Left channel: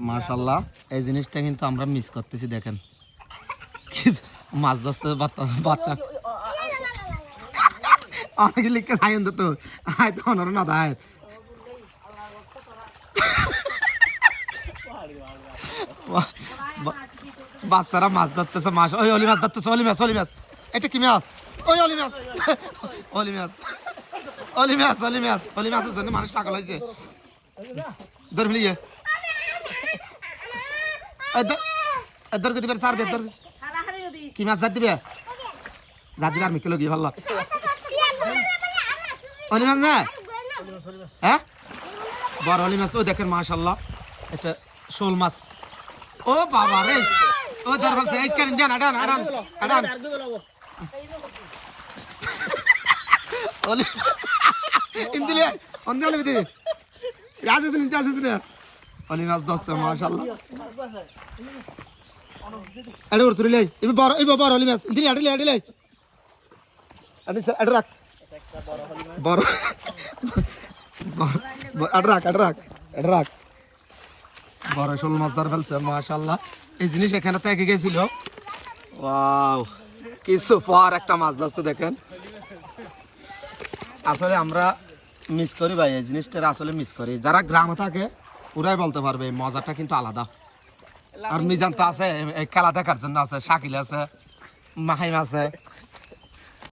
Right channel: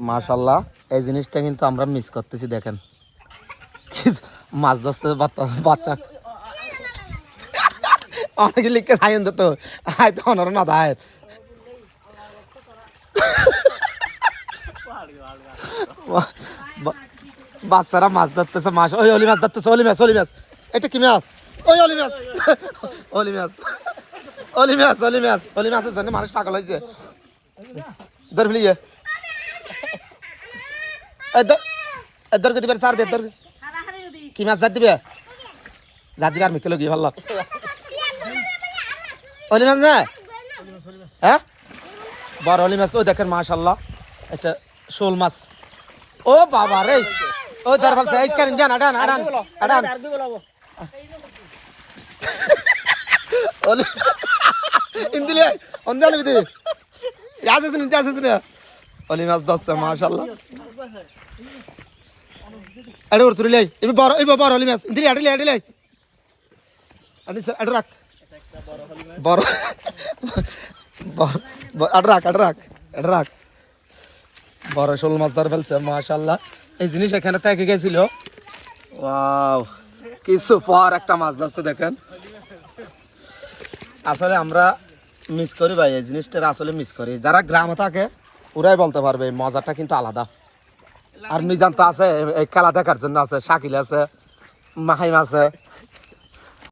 মাশাআল্লাহ এই জিনিসটা কিন্তু আমরা মিস করতেছি দেখেন মাছ ধরছে বাচ্চা অনেকে লিখে সাইন দিত আয় তো অনর না দায় বাচ্চারা মাছ ধরতেছে মাছ ওই অলি মাছ ধরতেছে অলি মাছ এটা কি মাছ ওই অলি মাছ অলিমাসের জন্য মানুষ পাগল হয়েছে ধর ফেলিয়ে ধর দিবে সার দে ধর কি মাছ যা দিবে আর মিকে লগিয়ে ভালো অলি মাছ না হ্যাঁ বড় অলি মাছ ও দেখেন মাশাআল্লাহ এটা শোল মাছ ও বাবা রে ও ধর ফেলছে এই কেন দেন আডান অলি ইন্দিলে অন্দালে বিদি আসেন অলি মাছ ধরছে মাশাআল্লাহ আরে ওর তুলে লাই এই বড় অলি মাছ ইন্দিলে আডলে আডি রাখ বড় রাখ বড় শোল মাছ ধরে ফেলছে মাশাআল্লাহ এই জিনিস এখানে থেকে গেছিল ওয়াও কিছু পর একটা মাছ ধরছে দেখেন আসলে আমরা মিস করি ভাই এই জিনিসটা আসলে মিস করি যারা গ্রামে থাকে ওরাই বলতে পারবে মজাটা কিন্তু আলাদা আর মিজান তো আছে এই খেলা দেখার জন্য আছে শাকিল আছে মাহিম আছে